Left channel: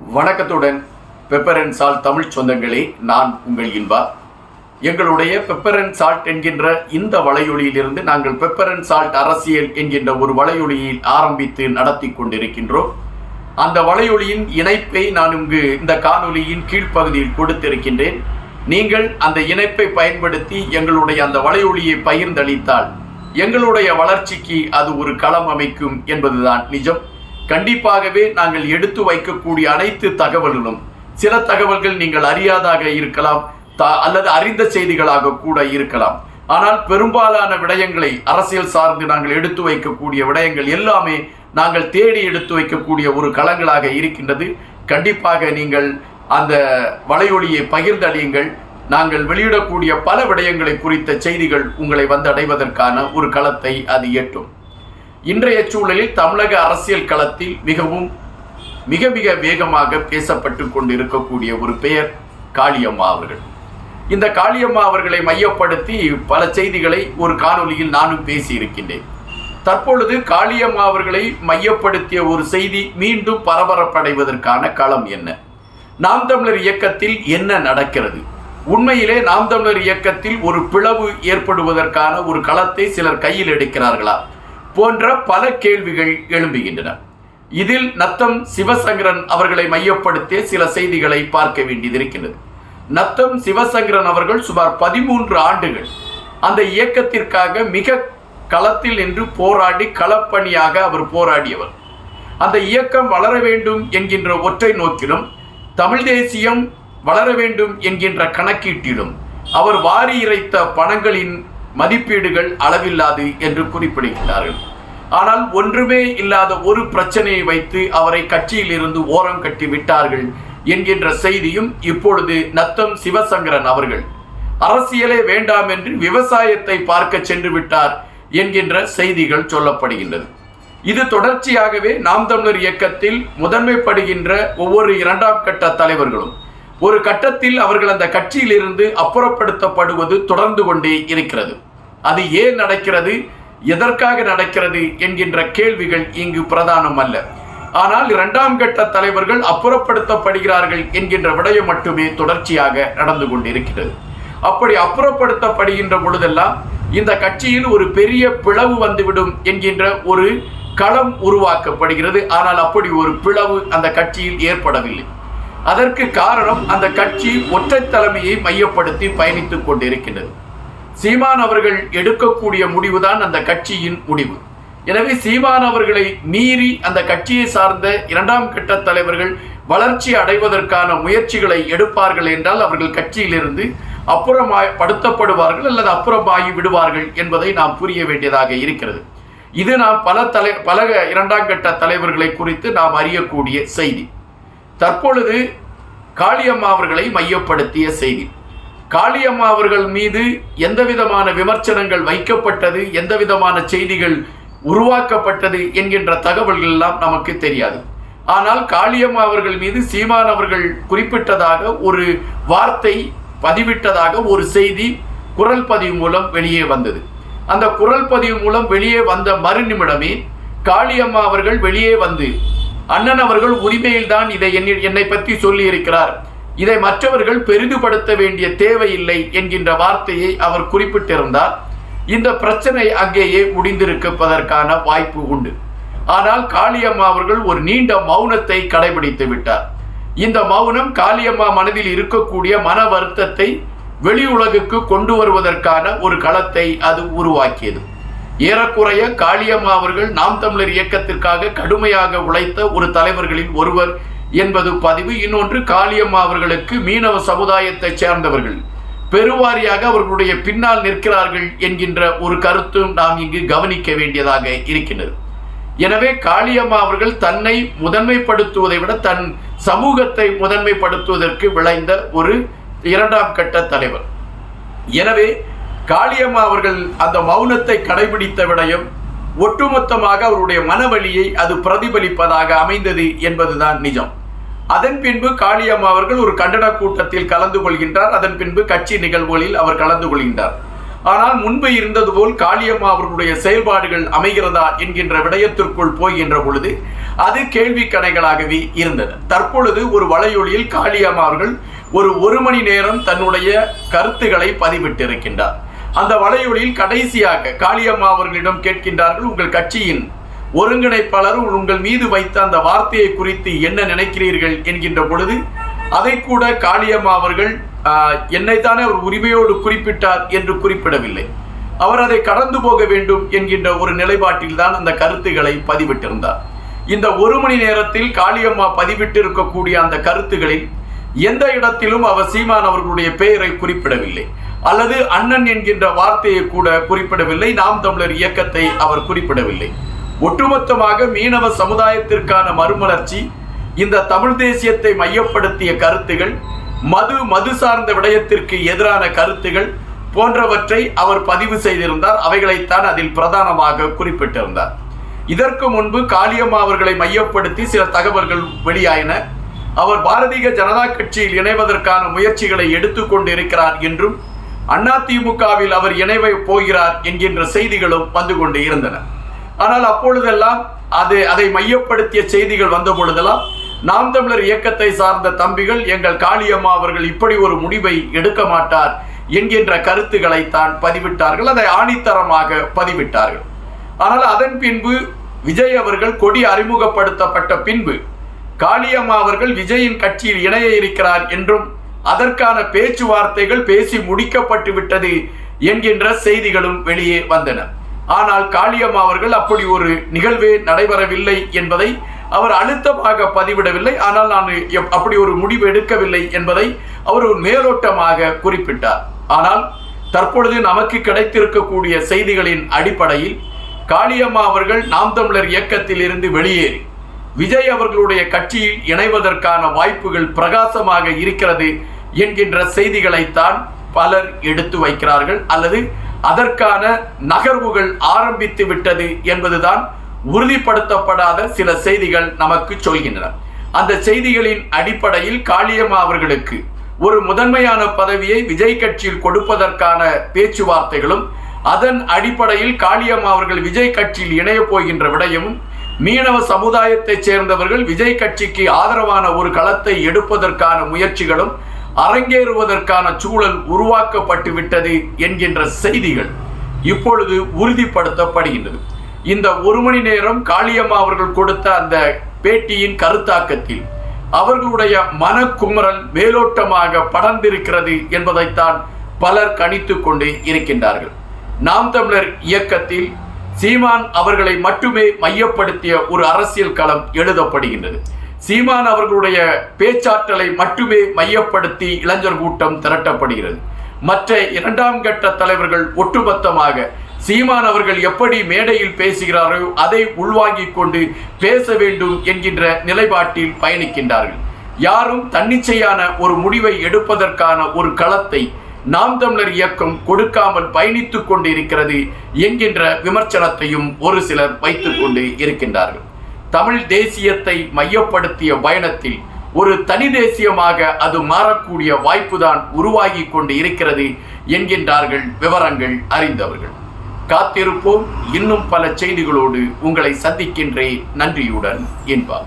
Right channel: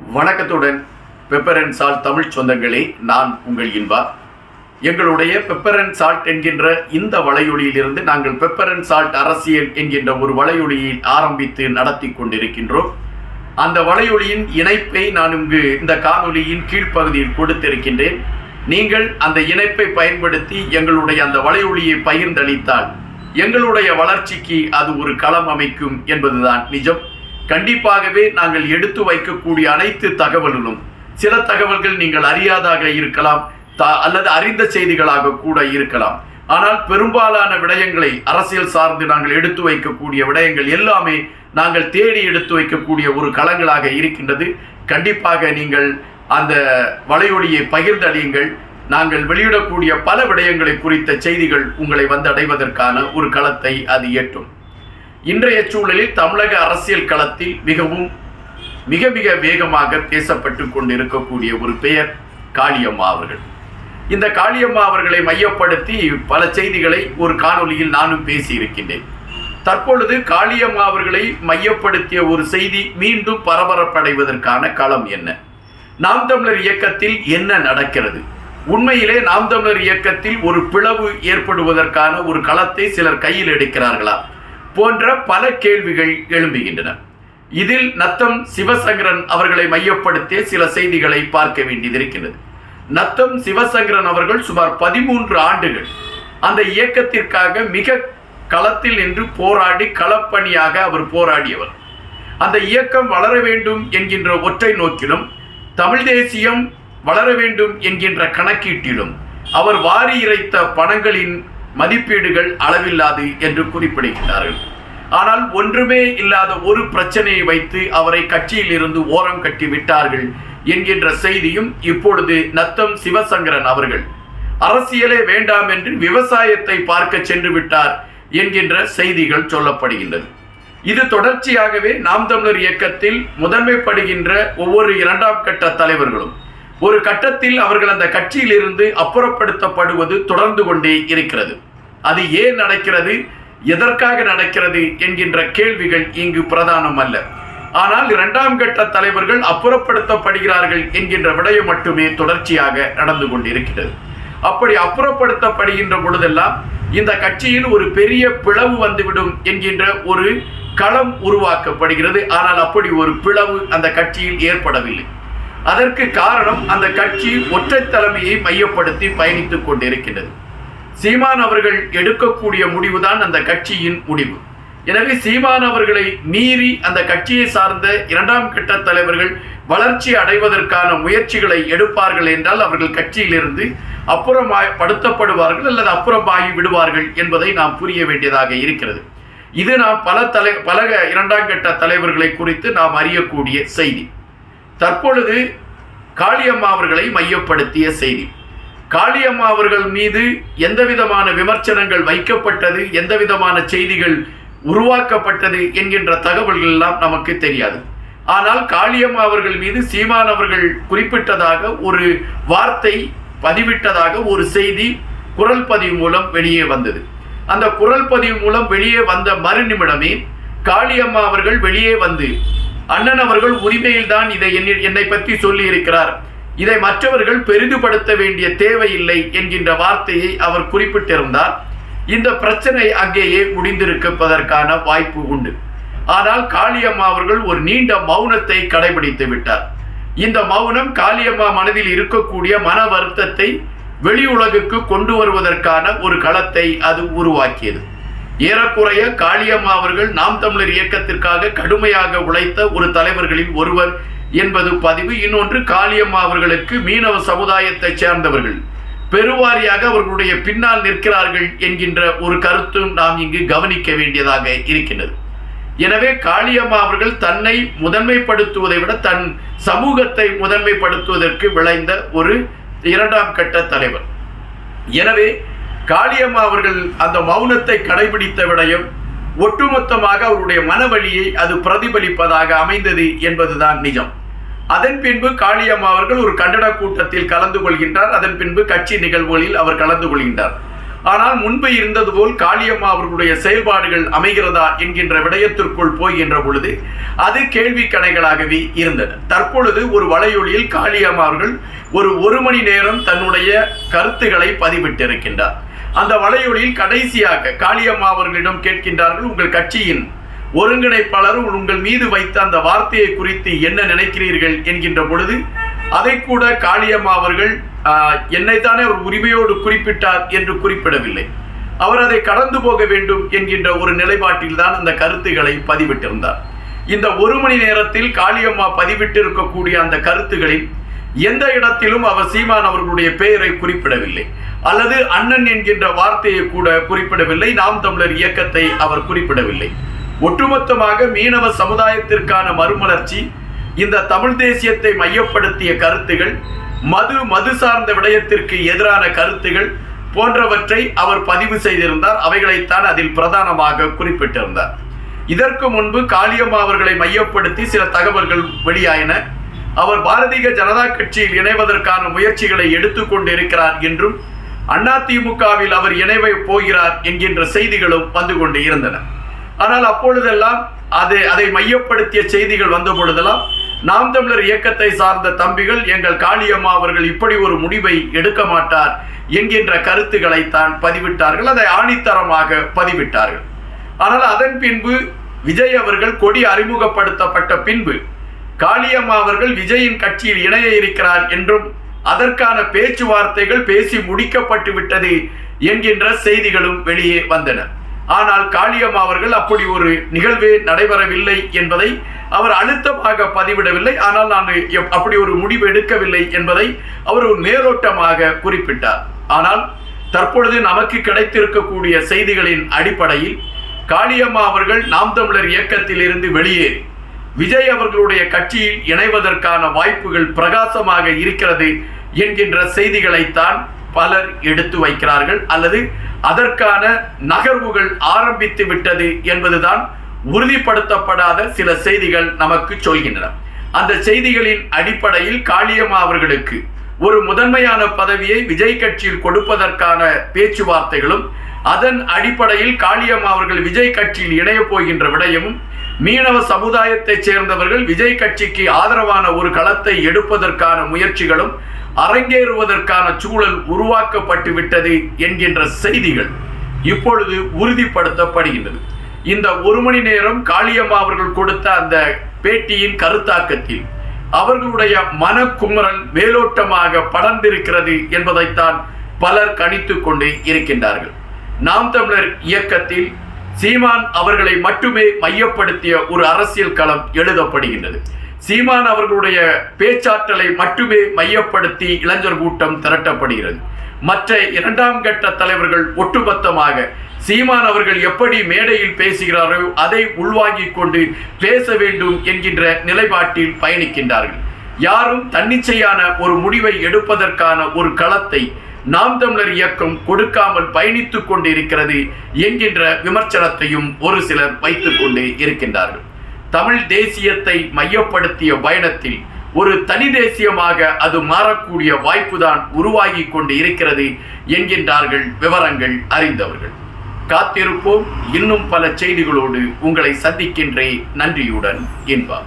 வணக்கத்துடன் pepper and salt Tamil சொந்தங்களே, நான் உங்கள் இன்பா. எங்களுடைய பெப்பர் அண்ட் சால்ட் என்கின்ற இந்த வலையொலியிலிருந்து நாங்கள் பெப்பர் அண்ட் சால்ட் அரசியல் என்கின்ற ஒரு வலையொலியில் ஆரம்பித்து நடத்தி கொண்டிருக்கின்றோம். அந்த வலையொலியின் இணைப்பை நான் இந்த காணொலியின் கீழ்ப்பகுதியில் கொடுத்திருக்கின்றேன். நீங்கள் அந்த இணைப்பை பயன்படுத்தி எங்களுடைய அந்த வலையொலியை பகிர்ந்தளித்தால் எங்களுடைய வளர்ச்சிக்கு அது ஒரு களம் அமைக்கும் என்பதுதான் நிஜம். கண்டிப்பாகவே நாங்கள் எடுத்து வைக்கக்கூடிய அனைத்து தகவல்களும் சில தகவல்கள் நீங்கள் அறியாதாக இருக்கலாம், அல்லது அறிந்த செய்திகளாக கூட இருக்கலாம். ஆனால் பெரும்பாலான விடயங்களை அரசியல் சார்ந்து நாங்கள் எடுத்து வைக்கக்கூடிய விடயங்கள் எல்லாமே நாங்கள் தேடி எடுத்து வைக்கக்கூடிய ஒரு களங்களாக இருக்கின்றது. கண்டிப்பாக நீங்கள் அந்த வலையொலியை பகிர்ந்தளியுங்கள். நாங்கள் வெளியிடக்கூடிய பல விடயங்களை குறித்த செய்திகள் உங்களை வந்தடைவதற்கான ஒரு களத்தை அது எட்டும். இன்றைய சூழலில் தமிழக அரசியல் களத்தில் மிக வேகமாக பேசப்பட்டு கொண்டிருக்கக்கூடிய ஒரு பெயர் காளியம்மா அவர்கள். இந்த காளியம்மா அவர்களை மையப்படுத்தி பல செய்திகளை ஒரு காணொலியில் நானும் பேசியிருக்கின்றேன். தற்பொழுது காளியம்மா அவர்களை மையப்படுத்திய ஒரு செய்தி மீண்டும் பரபரப்படைவதற்கான களம் என்ன? நாம் தமிழர் இயக்கத்தில் என்ன நடக்கிறது? உண்மையிலே நாம் தமிழர் இயக்கத்தில் ஒரு பிளவு ஏற்படுவதற்கான ஒரு களத்தை சிலர் கையில் எடுக்கிறார்களா போன்ற பல கேள்விகள் எழும்புகின்றன. இதில் நத்தம் சிவசங்கரன் அவர்களை மையப்படுத்திய சில செய்திகளை பார்க்க வேண்டியதிருக்கிறது. நத்தம் சிவசங்கரன் அவர்கள் சுமார் 13 ஆண்டுகள் அந்த இயக்கத்திற்காக மிக களத்தில் நின்று போராடி களப்பணியாக அவர் போராடியவர். அந்த இயக்கம் வளர வேண்டும் என்கின்ற ஒற்றை நோக்கிலும், தமிழ் தேசியம் வளர வேண்டும் என்கின்ற கணக்கீட்டிலும் அவர் வாரி இறைத்த பணங்களின் மதிப்பீடுகள் அளவில்லாது என்று குறிப்பிடுகிறார்கள். ஆனால் ஒன்றுமே இல்லாத ஒரு பிரச்சனையை வைத்து அவரை கட்சியில் இருந்து ஓரம் கட்டி விட்டார்கள் என்கின்ற செய்தியும் இப்பொழுது நத்தம் சிவசங்கரன் அவர்கள் அரசியலே வேண்டாம் என்று விவசாயத்தை பார்க்க சென்று விட்டார் என்கின்ற செய்திகள் சொல்லப்படுகின்றது. இது தொடர்ச்சியாகவே நாம் தமிழர் இயக்கத்தில் முதன்மைப்படுகின்ற ஒவ்வொரு இரண்டாம் கட்ட தலைவர்களும் ஒரு கட்டத்தில் அவர்கள் அந்த கட்சியில் இருந்து அப்புறப்படுத்தப்படுவது தொடர்ந்து கொண்டே இருக்கிறது. அது ஏன் நடக்கிறது, எதற்காக நடக்கிறது என்கின்ற கேள்விகள் இங்கு பிரதானம் அல்ல. ஆனால் இரண்டாம் கட்ட தலைவர்கள் அப்புறப்படுத்தப்படுகிறார்கள் என்கின்ற விடயம் மட்டுமே தொடர்ச்சியாக நடந்து கொண்டிருக்கிறது. அப்படி அப்புறப்படுத்தப்படுகின்ற பொழுதெல்லாம் இந்த கட்சியில் ஒரு பெரிய பிளவு வந்துவிடும் என்கின்ற ஒரு களம் உருவாக்கப்படுகிறது. ஆனால் அப்படி ஒரு பிளவு அந்த கட்சியில் ஏற்படவில்லை. அதற்கு காரணம் அந்த கட்சி ஒற்றை தலைமையை மையப்படுத்தி பயணித்துக் கொண்டிருக்கின்றது. சீமான் அவர்கள் எடுக்கக்கூடிய முடிவுதான் அந்த கட்சியின் முடிவு. எனவே சீமான் அவர்களை மீறி அந்த கட்சியை சார்ந்த இரண்டாம் கட்ட தலைவர்கள் வளர்ச்சி அடைவதற்கான முயற்சிகளை எடுப்பார்கள் என்றால் அவர்கள் கட்சியிலிருந்து அப்புறப்படுத்தப்படுவார்கள் அல்லது அப்புறமாகி விடுவார்கள் என்பதை நாம் புரிய வேண்டியதாக இருக்கிறது. இது நாம் பல இரண்டாம் கட்ட தலைவர்களை குறித்து நாம் அறியக்கூடிய செய்தி. தற்பொழுது காளியம்மா அவர்களை மையப்படுத்திய செய்தி. காளியம்மா அவர்கள் மீது எந்த விதமான விமர்சனங்கள் வைக்கப்பட்டது, எந்த விதமான செய்திகள் உருவாக்கப்பட்டது என்கின்ற தகவல்கள் எல்லாம் நமக்கு தெரியாது. ஆனால் காளியம்மா அவர்கள் மீது சீமான் அவர்கள் குறிப்பிட்டதாக ஒரு வார்த்தை பதிவிட்டதாக ஒரு செய்தி குரல் பதிவு மூலம் வெளியே வந்தது. அந்த குரல் பதிவு மூலம் வெளியே வந்த மறுநிமிடமே காளியம்மா அவர்கள் வெளியே வந்து, அண்ணன் அவர்கள் உரிமையில் தான் இதை என்னை பற்றி சொல்லி இருக்கிறார், இதை மற்றவர்கள் பெரிதுபடுத்த வேண்டிய தேவையில்லை என்கின்ற வார்த்தையை அவர் குறிப்பிட்டிருந்தார். இந்த பிரச்சனை அங்கேயே முடிந்திருப்பதற்கான வாய்ப்பு உண்டு. ஆனால் காளியம்மா அவர்கள் ஒரு நீண்ட மௌனத்தை கடைபிடித்து விட்டார். இந்த மௌனம் காளியம்மா மனதில் இருக்கக்கூடிய மன வருத்தத்தை வெளி உலகுக்கு கொண்டு வருவதற்கான ஒரு களத்தை அது உருவாக்கியது. ஏறக்குறைய காளியம்மா அவர்கள் நாம் தமிழர் இயக்கத்திற்காக கடுமையாக உழைத்த ஒரு தலைவர்களில் ஒருவர் என்பது பதிவு. இன்னொன்று, காளியம்மா அவர்களுக்கு மீனவ சமுதாயத்தை சேர்ந்தவர்கள் பெருவாரியாக அவர்களுடைய பின்னால் நிற்கிறார்கள் என்கின்ற ஒரு கருத்தும் நாம் இங்கு கவனிக்க வேண்டியதாக இருக்கின்றது. எனவே காளியம்மா அவர்கள் தன்னை முதன்மைப்படுத்துவதை விட தன் சமூகத்தை முதன்மைப்படுத்துவதற்கு விளைந்த ஒரு இரண்டாம் கட்ட தலைவர். எனவே காளியம்மா அவர்கள் அந்த மௌனத்தை கடைபிடித்த விடயம் ஒட்டுமொத்தமாக அவருடைய மனவழியை அது பிரதிபலிப்பதாக அமைந்தது என்பதுதான் நிஜம். அதன் பின்பு காளியம்மா அவர்கள் ஒரு கண்டன கூட்டத்தில் கலந்து கொள்கின்றார். அதன் பின்பு கட்சி நிகழ்வுகளில் அவர் கலந்து கொள்கின்றார். ஆனால் முன்பு இருந்தது போல் காளியம்மா அவர்களுடைய செயல்பாடுகள் அமைகிறதா என்கின்ற விடயத்திற்குள் போகின்ற பொழுது அது கேள்வி கணைகளாகவே இருந்தது. தற்பொழுது ஒரு வலையொலியில் காளியம்மா அவர்கள் ஒரு மணி நேரம் தன்னுடைய கருத்துக்களை பதிவிட்டிருக்கின்றார். அந்த வலையொலியில் கடைசியாக காளியம்மா அவர்களிடம் கேட்கின்றார்கள், உங்கள் கட்சியின் ஒருங்கிணைப்பாளர் உங்கள் மீது வைத்த அந்த வார்த்தையை குறித்து என்ன நினைக்கிறீர்கள் என்கின்ற பொழுது அதை கூட காளியம்மா அவர்கள் என்னைத்தானே அவர் உரிமையோடு குறிப்பிட்டார் என்று குறிப்பிடவில்லை. அவர் அதை கடந்து போக வேண்டும் என்கின்ற ஒரு நிலைப்பாட்டில் தான் அந்த கருத்துக்களை பதிவிட்டிருந்தார். இந்த ஒரு மணி நேரத்தில் காளியம்மா பதிவிட்டிருக்கக்கூடிய அந்த கருத்துக்களில் எந்த இடத்திலும் அவர் சீமான் அவர்களுடைய பெயரை குறிப்பிடவில்லை, அல்லது அண்ணன் என்கின்ற வார்த்தையை கூட குறிப்பிடவில்லை, நாம் தமிழர் இயக்கத்தை அவர் குறிப்பிடவில்லை. ஒட்டுமொத்தமாக மீனவ சமுதாயத்திற்கான மறுமலர்ச்சி, இந்த தமிழ் தேசியத்தை மையப்படுத்திய கருத்துகள், மது சார்ந்த விடயத்திற்கு எதிரான கருத்துகள் போன்றவற்றை அவர் பதிவு செய்திருந்தார். அவைகளைத்தான் அதில் பிரதானமாக குறிப்பிட்டிருந்தார். இதற்கு முன்பு காளியம்மா அவர்களை மையப்படுத்தி சில தகவல்கள் வெளியாயின. அவர் பாரதிய ஜனதா கட்சியில் இணைவதற்கான முயற்சிகளை எடுத்துக்கொண்டிருக்கிறார் என்றும் அதிமுகவில் அவர் இணைவ போகிறார் என்கின்ற செய்திகளும் வந்து கொண்டு இருந்தன. ஆனால் அப்பொழுதெல்லாம் அதை மையப்படுத்திய செய்திகள் வந்த பொழுதெல்லாம் நாம் தமிழர் இயக்கத்தை சார்ந்த தம்பிகள் எங்கள் காளியம்மா அவர்கள் இப்படி ஒரு முடிவை எடுக்க மாட்டார் என்கின்ற கருத்துக்களை தான் பதிவிட்டார்கள். அதை ஆணித்தரமாக பதிவிட்டார்கள். ஆனால் அதன் பின்பு விஜய் அவர்கள் கொடி அறிமுகப்படுத்தப்பட்ட பின்பு காளியம்மா அவர்கள் விஜயின் கட்சியில் இணைய இருக்கிறார் என்றும் அதற்கான பேச்சுவார்த்தைகள் பேசி முடிக்கப்பட்டு விட்டது என்கின்ற செய்திகளும் வெளியே வந்தன. ஆனால் காளியம்மா அவர்கள் அப்படி ஒரு நிகழ்வே நடைபெறவில்லை என்பதை அவர் அழுத்தமாக பதிவிடவில்லை. ஆனால் நான் அப்படி ஒரு முடிவு எடுக்கவில்லை என்பதை அவர் ஒரு மேலோட்டமாக குறிப்பிட்டார். ஆனால் தற்பொழுது நமக்கு கிடைத்திருக்கக்கூடிய செய்திகளின் அடிப்படையில் காளியம்மா அவர்கள் நாம் தமிழர் இயக்கத்தில் இருந்து வெளியேறி விஜய் அவர்களுடைய கட்சியில் இணைவதற்கான வாய்ப்புகள் பிரகாசமாக இருக்கிறது என்கின்ற செய்திகளைத்தான் பலர் எடுத்து வைக்கிறார்கள், அல்லது அதற்கான நகர்வுகள் ஆரம்பித்து விட்டது என்பதுதான் உறுதிப்படுத்தப்படாத சில செய்திகள் நமக்கு சொல்கின்றன. அந்த செய்திகளின் அடிப்படையில் காளியம்மா அவர்களுக்கு ஒரு முதன்மையான பதவியை விஜய் கட்சியில் கொடுப்பதற்கான பேச்சுவார்த்தைகளும், அதன் அடிப்படையில் காளியம்மா அவர்கள் விஜய் கட்சியில் இணைய போகின்ற விடயமும், மீனவ சமுதாயத்தைச் சேர்ந்தவர்கள் விஜய் கட்சிக்கு ஆதரவான ஒரு களத்தை எடுப்பதற்கான முயற்சிகளும் அரங்கேறுவதற்கான சூழல் உருவாக்கப்பட்டு விட்டது என்கின்ற செய்திகள் இப்பொழுது உறுதிப்படுத்தப்படுகின்றது. இந்த ஒரு மணி நேரம் காளியம்மா அவர்கள் கொடுத்த அந்த பேட்டியின் கருத்தாக்கத்தில் அவர்களுடைய மனக்குமரல் மேலோட்டமாக படர்ந்திருக்கிறது என்பதைத்தான் பலர் கணித்து கொண்டு இருக்கின்றார்கள். நாம் தமிழர் இயக்கத்தில் சீமான் அவர்களை மட்டுமே மையப்படுத்திய ஒரு அரசியல் களம் எழுதப்படுகின்றது. சீமான் அவர்களுடைய பேச்சாற்றலை மட்டுமே மையப்படுத்தி இளைஞர் கூட்டம் திரட்டப்படுகிறது. மற்ற இரண்டாம் கட்ட தலைவர்கள் ஒட்டுமொத்தமாக சீமான் அவர்கள் எப்படி மேடையில் பேசுகிறாரோ அதை உள்வாங்கிக் கொண்டு பேச வேண்டும் என்கின்ற நிலைப்பாட்டில் பயணிக்கின்றார்கள். யாரும் தன்னிச்சையான ஒரு முடிவை எடுப்பதற்கான ஒரு களத்தை நாம் தமிழர் இயக்கம் கொடுக்காமல் பயணித்துக் கொண்டு இருக்கிறது என்கின்ற விமர்சனத்தையும் ஒரு சிலர் வைத்துக் கொண்டு இருக்கின்றார்கள். தமிழ் தேசியத்தை மையப்படுத்திய பயணத்தில் ஒரு தனி தேசியமாக அது மாறக்கூடிய வாய்ப்புதான் உருவாகி கொண்டு இருக்கிறது என்கின்றார்கள் விவரங்கள் அறிந்தவர்கள். காத்திருப்போம். இன்னும் பல செய்திகளோடு உங்களை சந்திக்கின்றேன். நன்றியுடன் இன்பா.